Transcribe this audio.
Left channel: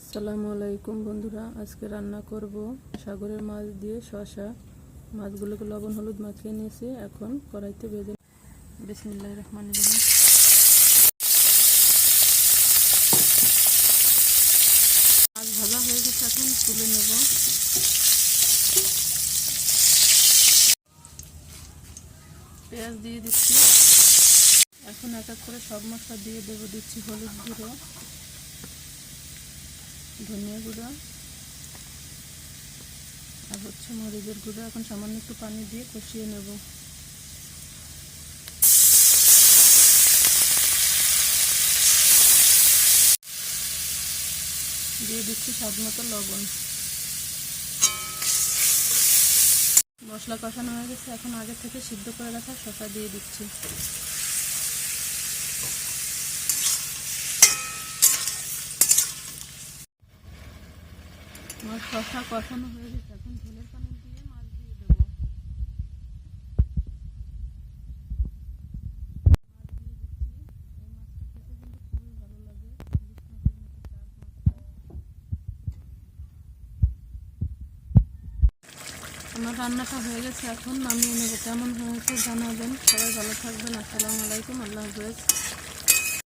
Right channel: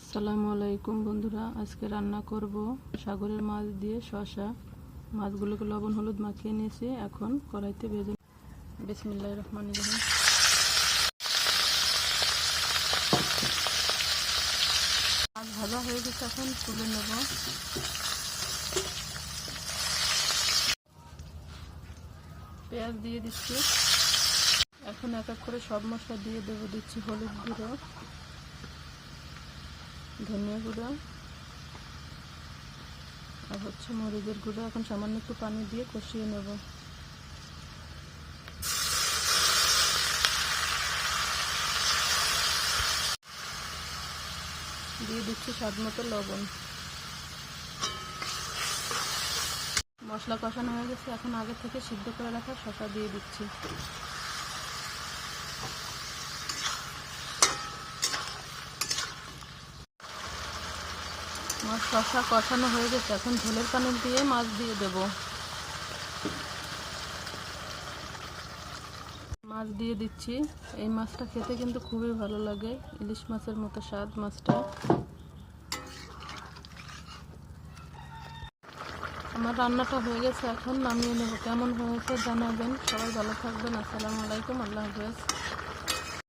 আসসালামু আলাইকুম বন্ধুরা, আজকে রান্না করব সাগরের মাছ দিয়ে শসা। মাছগুলোকে লবণ হলুদ মাখিয়ে নিয়েছি, এখন কড়াইতে ভেজে। বিসমিল্লাহির রহমানির রহিম। মাছ ভাজা হয়ে গেছে, এখন তুলে নেব। পেঁয়াজ দিয়ে দিচ্ছি, এখন এক এক করে সব মশলা দিয়ে দেবো। দিচ্ছি হলুদ গুঁড়ো, ধনিয়া গুঁড়ো আর মরিচের গুঁড়ো। এখন সামান্য একটু পানি দিয়ে কষিয়ে নেব। দিয়ে দিচ্ছি স্বাদ মতো লবণ। মশলা কষানো হয়ে গেছে, এখন আগে থেকে সিদ্ধ করে রাখা শসা দিয়ে দিচ্ছি। মাছ শসা কষানো হয়ে গেছে, এখন ঝোলের পানি দিয়ে মাছ দিয়ে দেব। মাছ দিয়ে দিচ্ছি। এই মাছটা খেতে কিন্তু খুবই ভালো লাগে, ইলিশ মাছের মতো স্বাদ মাছটা। আমার রান্নাটা হয়ে গেছে, এখন নামিয়ে নেব। কেমন হয়েছে জানাবেন। সবাই ভালো থাকবেন। আসসালামু আলাইকুম, আল্লাহ হাফেজ।